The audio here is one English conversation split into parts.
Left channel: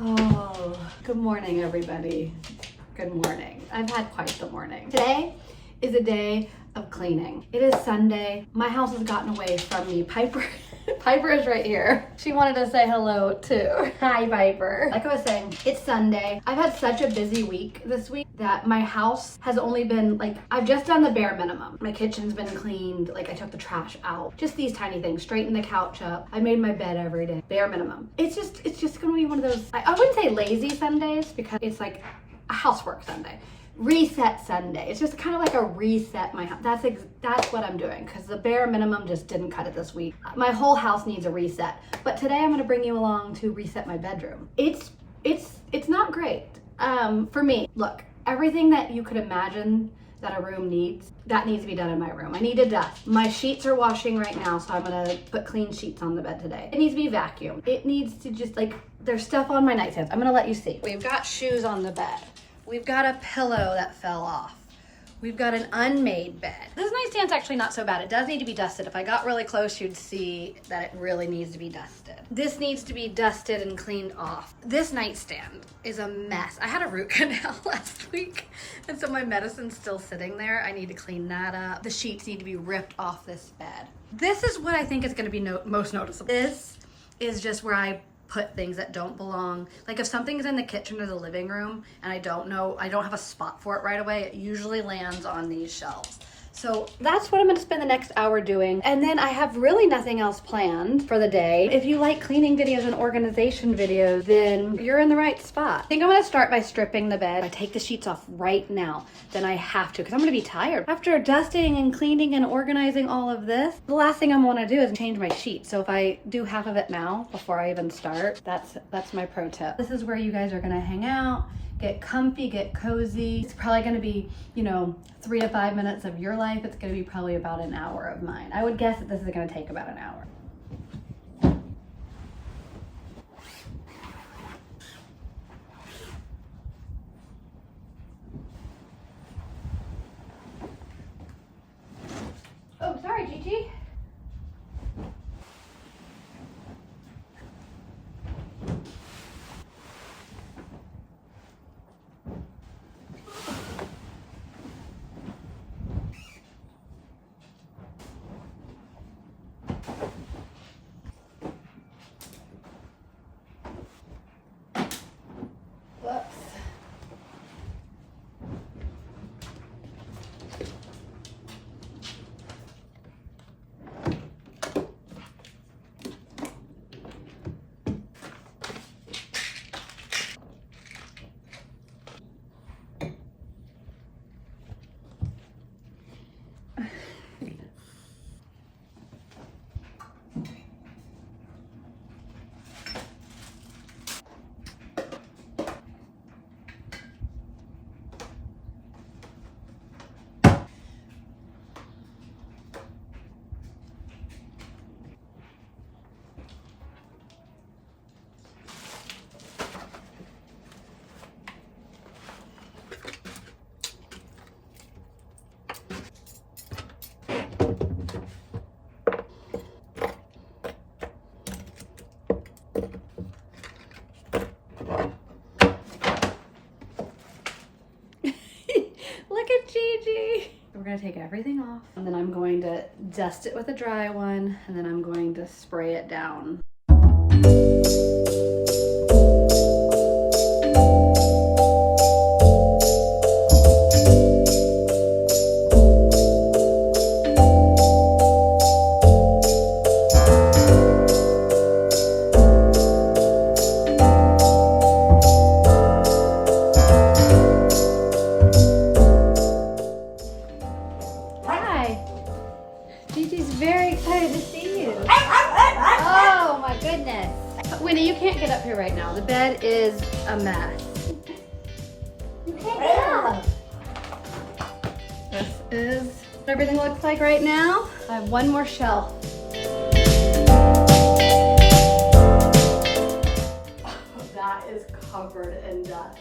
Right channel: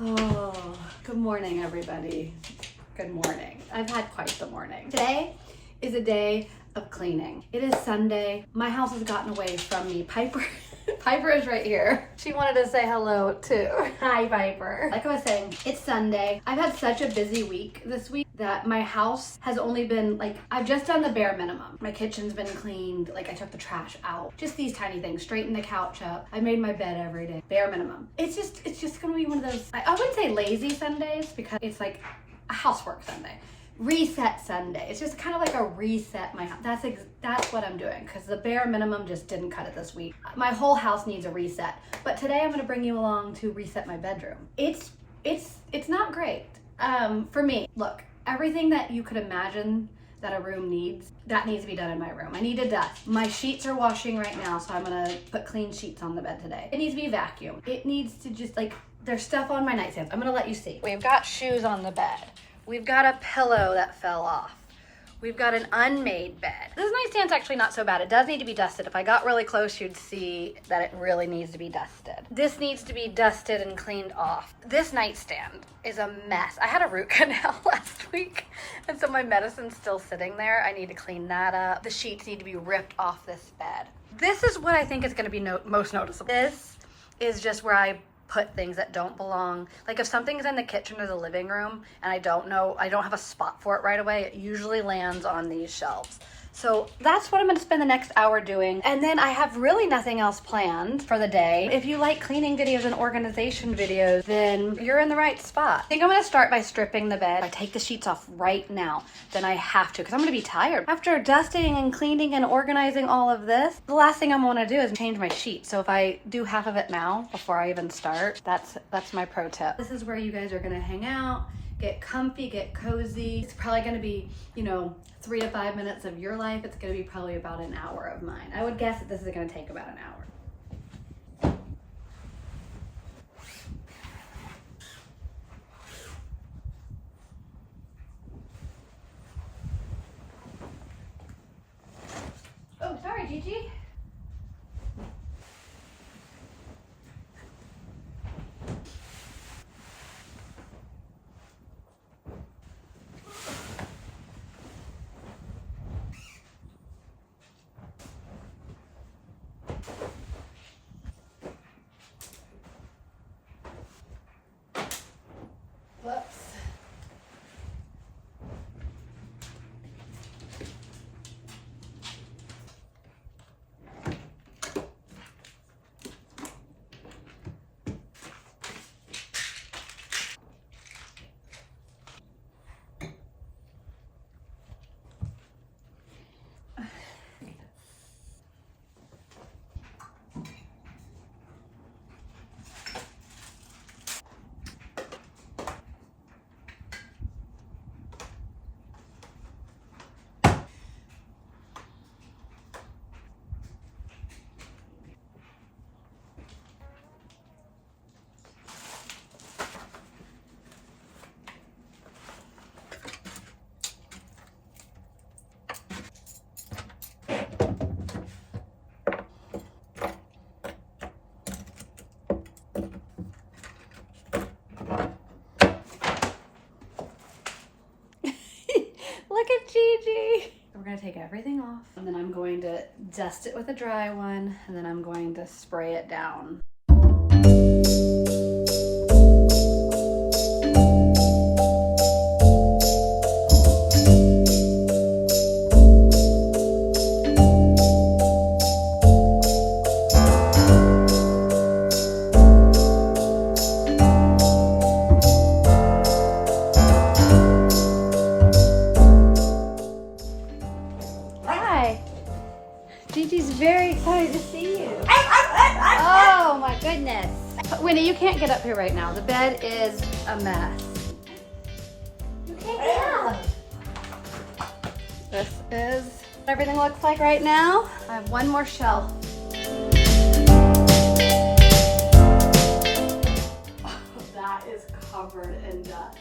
Oh, good morning, everybody. Good morning. I've had quite the morning. Today is a day of cleaning. It is Sunday. My house has gotten away from me. Piper is right here. She wanted to say hello too. Hi, Piper. Like I was saying, it's Sunday. I've had such a busy week this week that my house has only been I've just done the bare minimum. My kitchen's been cleaned. I took the trash out. Just these tiny things. Straightened the couch up. I made my bed every day. Bare minimum. It's just gonna be one of those, I wouldn't say lazy Sundays because it's like a housework Sunday. Reset Sunday. It's just kind of like a reset my house. That's what I'm doing because the bare minimum just didn't cut it this week. My whole house needs a reset. But today I'm going to bring you along to reset my bedroom. It's not great for me. Look, everything that you could imagine that a room needs, that needs to be done in my room. I need to dust. My sheets are washing right now, so I'm gonna put clean sheets on the bed today. It needs to be vacuumed. It needs to just there's stuff on my nightstand. I'm gonna let you see. We've got shoes on the bed. We've got a pillow that fell off. We've got an unmade bed. This nightstand's actually not so bad. It does need to be dusted. If I got really close, you'd see that it really needs to be dusted. This needs to be dusted and cleaned off. This nightstand is a mess. I had a root canal last week, and so my medicine's still sitting there. I need to clean that up. The sheets need to be ripped off this bed. This is what I think is gonna be most noticeable. This is just where I put things that don't belong. If something's in the kitchen or the living room and I don't have a spot for it right away, it usually lands on these shelves. So that's what I'm gonna spend the next hour doing. And then I have really nothing else planned for the day. If you like cleaning videos and organization videos, then you're in the right spot. I think I'm gonna start by stripping the bed. I take the sheets off right now, then I have to, because I'm gonna be tired. After dusting and cleaning and organizing all of this, the last thing I'm gonna do is change my sheets. So if I do half of it now, before I even start, that's my pro tip. This is where you guys are gonna hang out, get comfy, get cozy. It's probably gonna be, 3 to 5 minutes of your life. It's gonna be probably about an hour of mine. I would guess that this is gonna take about an hour. Oh, sorry, Gigi. Look at Gigi. We're gonna take everything off, and then I'm going to dust it with a dry one, and then I'm going to spray it down. Gigi's very excited to see you. Oh my goodness. Winnie, you can't get up here right now. The bed is a mess. You can't get up. This is what everything looks like right now. I have one more shelf. That is covered in dust.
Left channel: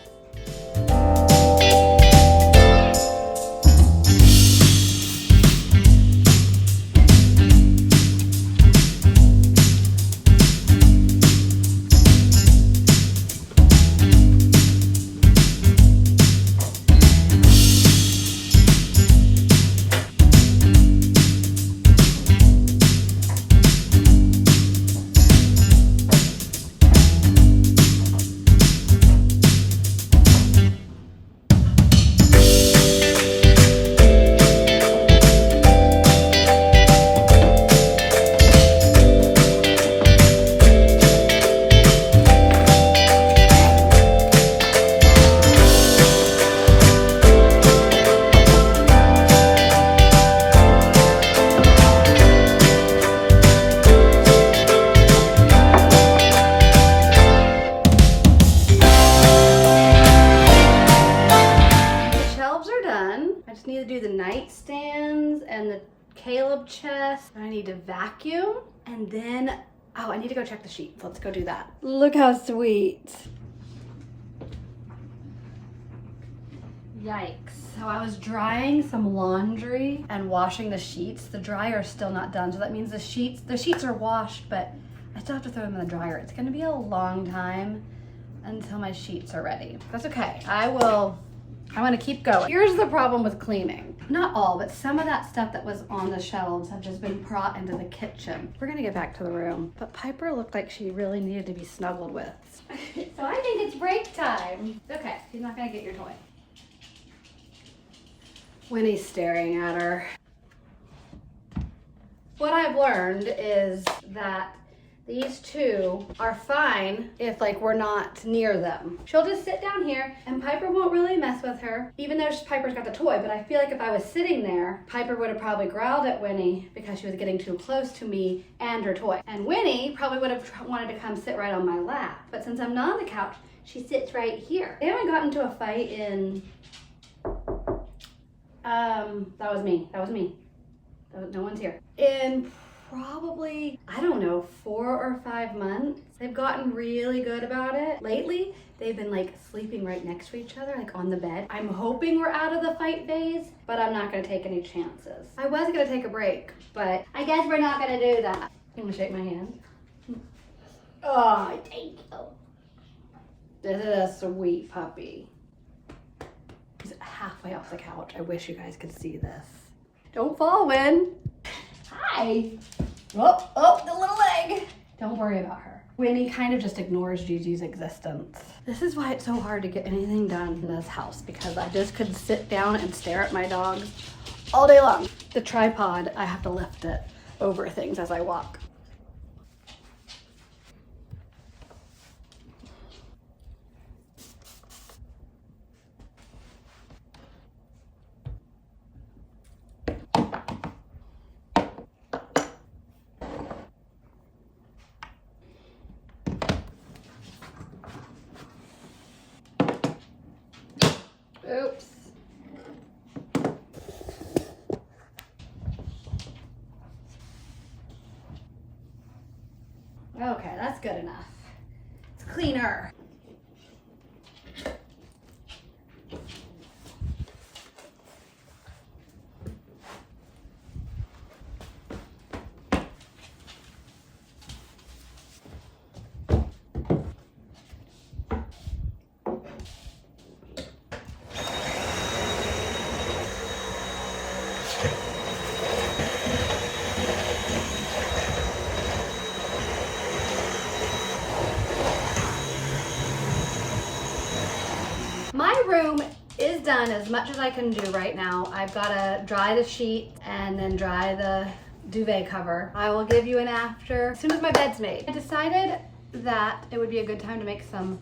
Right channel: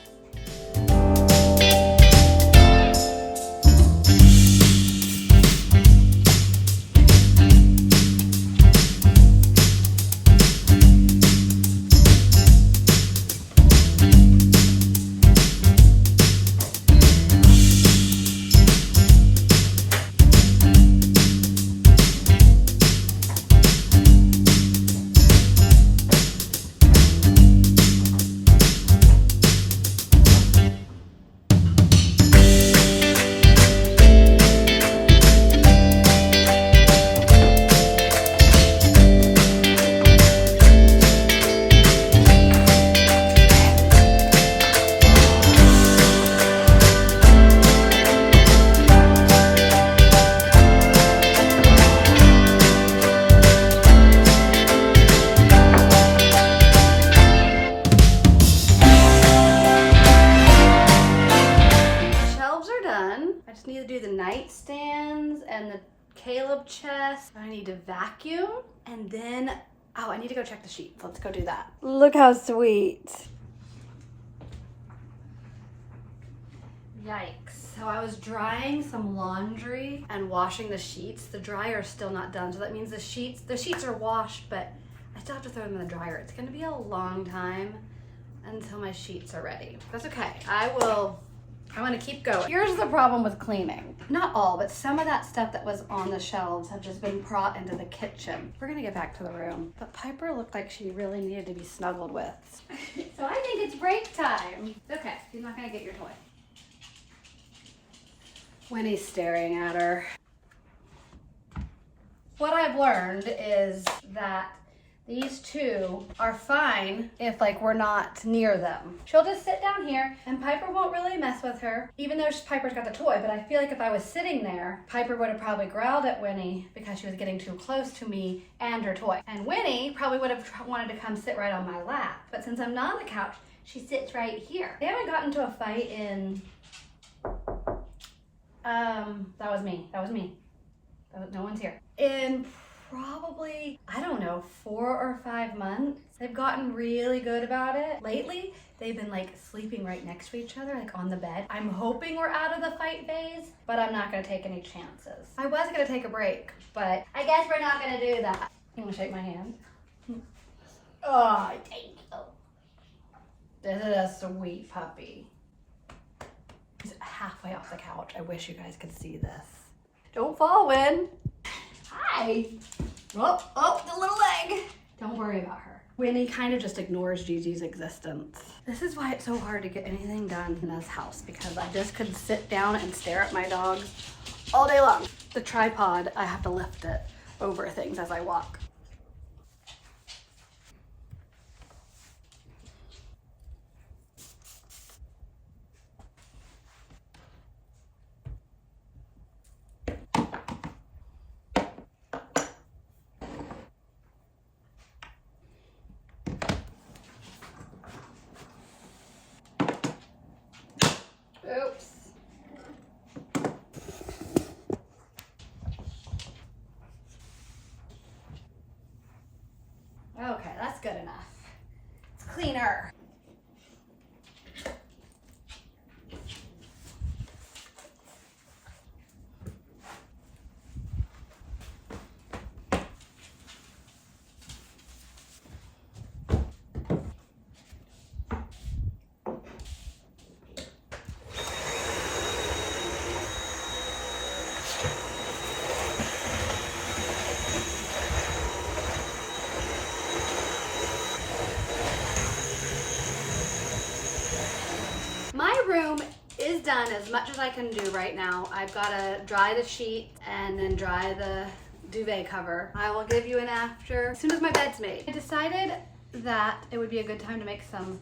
do the nightstands and the Caleb chest. I need to vacuum, and then, oh, I need to go check the sheets. Let's go do that. Look how sweet. Yikes. So I was drying some laundry and washing the sheets. The dryer is still not done, so that means the sheets are washed, but I still have to throw them in the dryer. It's gonna be a long time until my sheets are ready. That's okay. I wanna keep going. Here's the problem with cleaning. Not all, but some of that stuff that was on the shelves have just been brought into the kitchen. We're gonna get back to the room. But Piper looked like she really needed to be snuggled with. So I think it's break time. Okay, she's not gonna get your toy. Winnie's staring at her. What I've learned is that these two are fine if like we're not near them. She'll just sit down here and Piper won't really mess with her, even though Piper's got the toy. But I feel like if I was sitting there, Piper would have probably growled at Winnie because she was getting too close to me and her toy. And Winnie probably would have wanted to come sit right on my lap. But since I'm not on the couch, she sits right here. They haven't gotten into a fight in, that was me. No one's here. In probably, I don't know, 4 or 5 months. They've gotten really good about it. Lately, they've been like sleeping right next to each other, like on the bed. I'm hoping we're out of the fight phase, but I'm not gonna take any chances. I was gonna take a break, but I guess we're not gonna do that. You wanna shake my hand? Oh, thank you. This is a sweet puppy. He's halfway off the couch. I wish you guys could see this. Don't fall, Win. Hi. Oh, the little leg. Don't worry about her. Winnie kind of just ignores Gigi's existence. This is why it's so hard to get anything done in this house, because I just could sit down and stare at my dog all day long. The tripod, I have to lift it over things as I walk. Oops. Okay, that's good enough. It's cleaner. My room is done as much as I can do right now. I've got to dry the sheet and then dry the duvet cover. I will give you an after as soon as my bed's made. I decided that it would be a good time to make some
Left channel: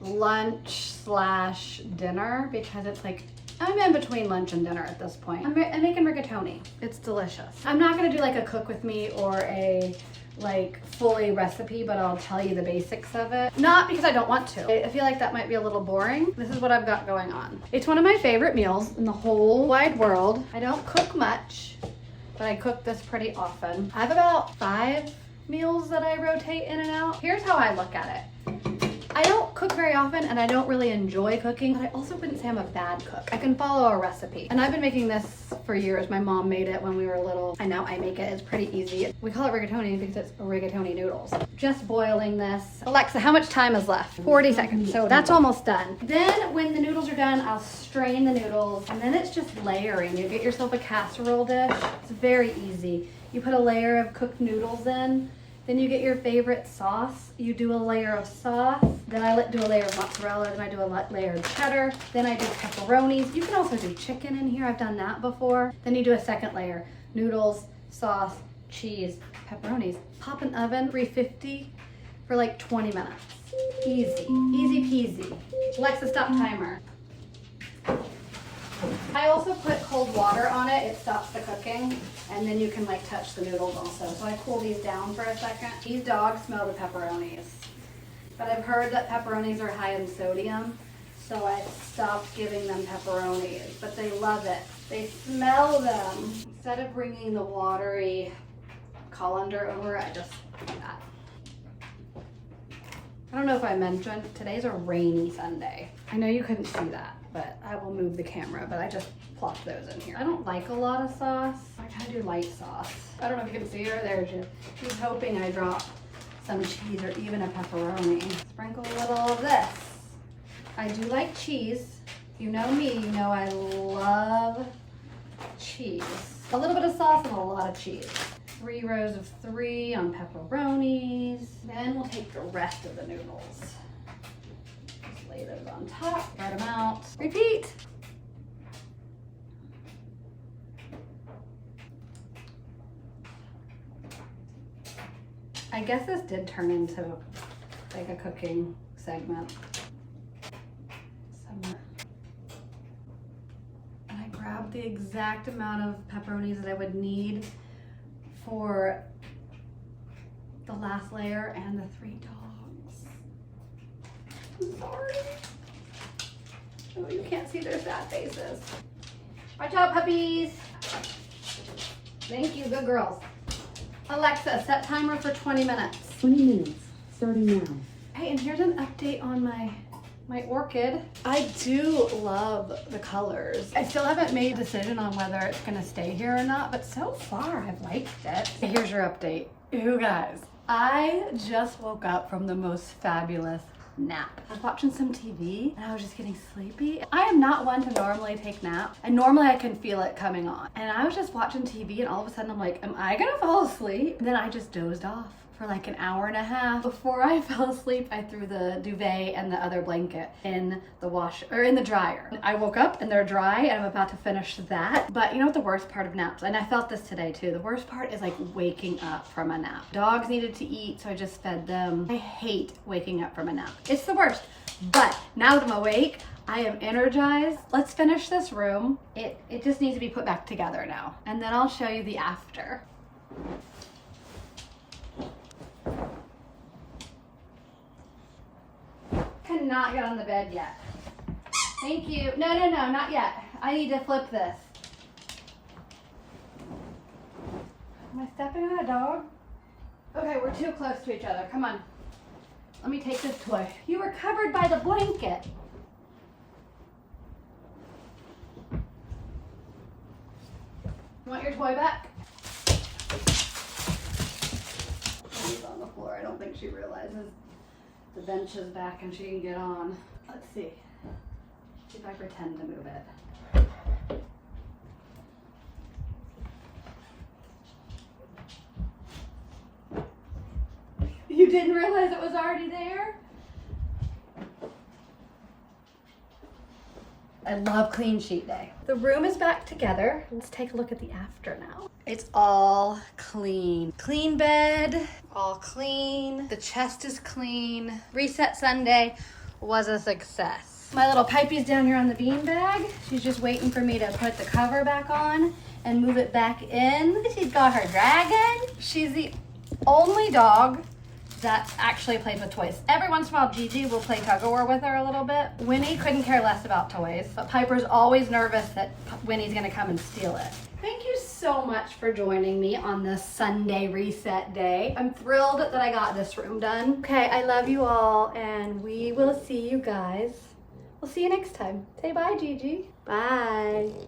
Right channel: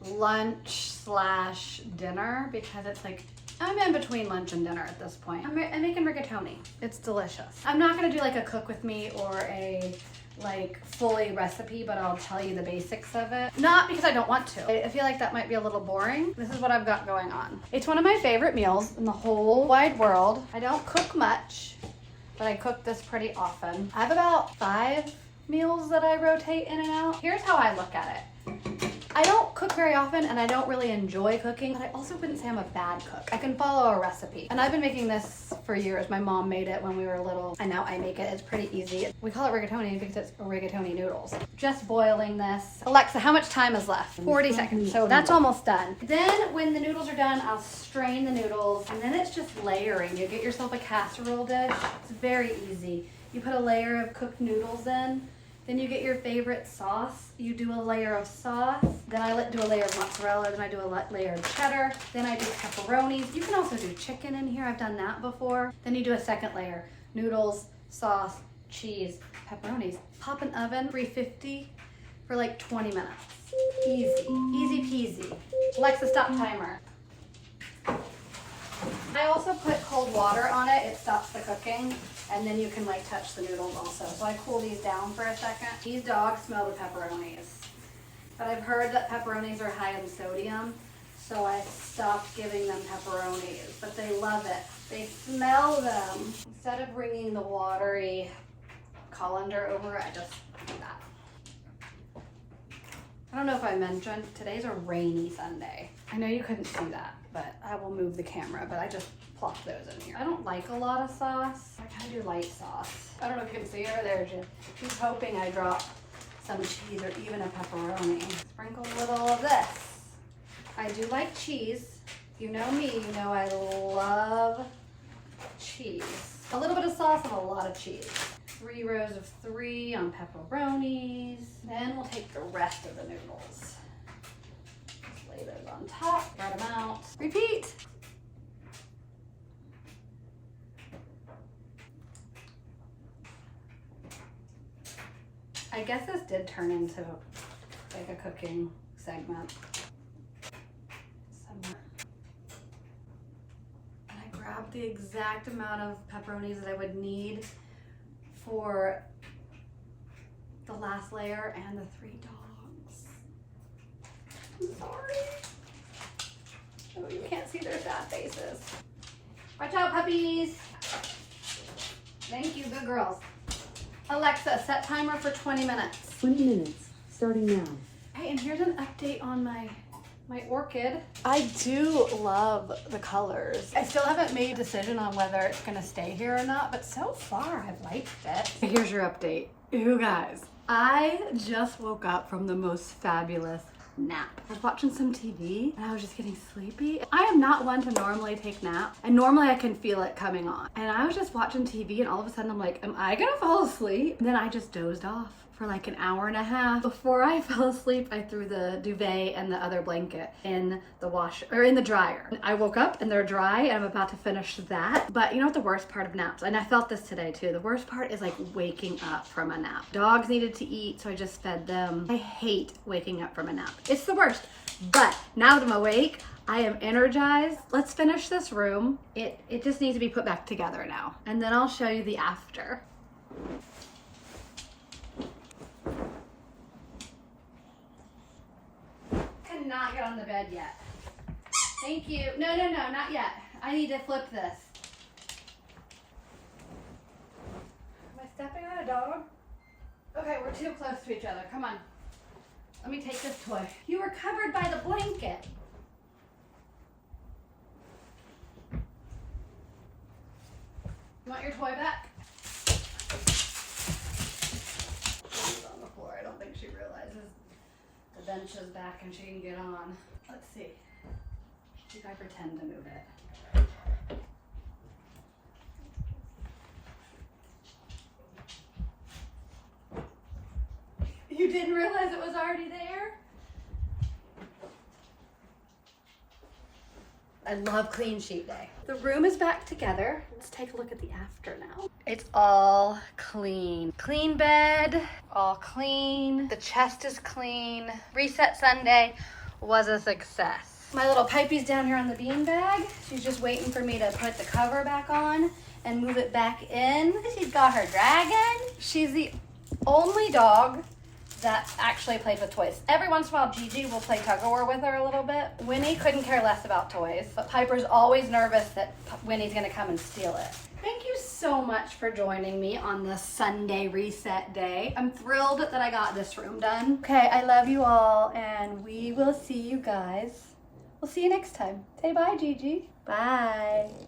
lunch slash dinner because it's like, I'm in between lunch and dinner at this point. I'm making rigatoni. It's delicious. I'm not gonna do like a cook with me or a like fully recipe, but I'll tell you the basics of it. Not because I don't want to. I feel like that might be a little boring. This is what I've got going on. It's one of my favorite meals in the whole wide world. I don't cook much, but I cook this pretty often. I have about 5 meals that I rotate in and out. Here's how I look at it. I don't cook very often and I don't really enjoy cooking, but I also wouldn't say I'm a bad cook. I can follow a recipe. And I've been making this for years. My mom made it when we were little, and now I make it. It's pretty easy. We call it rigatoni because it's rigatoni noodles. Just boiling this. Alexa, how much time is left? 40 seconds. So that's almost done. Then when the noodles are done, I'll strain the noodles, and then it's just layering. You get yourself a casserole dish. It's very easy. You put a layer of cooked noodles in. Then you get your favorite sauce. You do a layer of sauce. Then I do a layer of mozzarella. Then I do a layer of cheddar. Then I do pepperonis. You can also do chicken in here. I've done that before. Then you do a second layer. Noodles, sauce, cheese, pepperonis. Pop in oven, 350 for like 20 minutes. Easy, easy peasy. Alexa, stop timer. I also put cold water on it. It stops the cooking, and then you can like touch the noodles also. So I cool these down for a second. These dogs smell the pepperonis, but I've heard that pepperonis are high in sodium, so I stopped giving them pepperonis, but they love it. They smell them. Instead of bringing the watery colander over, I just do that. I don't know if I mentioned, today's a rainy Sunday. I know you couldn't see that, but I will move the camera, but I just plopped those in here. I don't like a lot of sauce. I kind of do light sauce. I don't know if you can see her there, Jim. She's hoping I drop some cheese or even a pepperoni. Sprinkle a little of this. I do like cheese. You know me, you know I love cheese. A little bit of sauce and a lot of cheese. 3 rows of 3 on pepperonis. Then we'll take the rest of the noodles. Just lay those on top, spread them out. Repeat. I guess this did turn into like a cooking segment. And I grabbed the exact amount of pepperonis that I would need for the last layer and the 3 dogs. I'm sorry. Oh, you can't see their sad faces. Watch out, puppies. Thank you, good girls. Alexa, set timer for 20 minutes. 20 minutes, starting now. Hey, and here's an update on my orchid. I do love the colors. I still haven't made a decision on whether it's gonna stay here or not, but so far I've liked it. Here's your update. You guys, I just woke up from the most fabulous nap. I was watching some TV and I was just getting sleepy. I am not one to normally take naps, and normally I can feel it coming on. And I was just watching TV and all of a sudden I'm like, am I gonna fall asleep? And then I just dozed off for like an hour and a half. Before I fell asleep, I threw the duvet and the other blanket in the wash or in the dryer. I woke up and they're dry and I'm about to finish that. But you know what the worst part of naps, and I felt this today too, the worst part is like waking up from a nap. Dogs needed to eat, so I just fed them. I hate waking up from a nap. It's the worst. But now that I'm awake, I am energized. Let's finish this room. It just needs to be put back together now. And then I'll show you the after. Cannot get on the bed yet. Thank you. No, not yet. I need to flip this. Am I stepping on a dog? Okay, we're too close to each other. Come on. Let me take this toy. You were covered by the blanket. You want your toy back? She's on the floor. I don't think she realizes the bench is back and she can get on. Let's see. See if I pretend to move it. You didn't realize it was already there? I love clean sheet day. The room is back together. Let's take a look at the after now. It's all clean. Clean bed, all clean. The chest is clean. Reset Sunday was a success. My little pipey's down here on the beanbag. She's just waiting for me to put the cover back on and move it back in. She's got her dragon. She's the only dog that actually plays with toys. Every once in a while, Gigi will play tug-of-war with her a little bit. Winnie couldn't care less about toys, but Piper's always nervous that Winnie's gonna come and steal it. Thank you so much for joining me on this Sunday reset day. I'm thrilled that I got this room done. Okay, I love you all, and we will see you guys. We'll see you next time. Say bye, Gigi. Bye.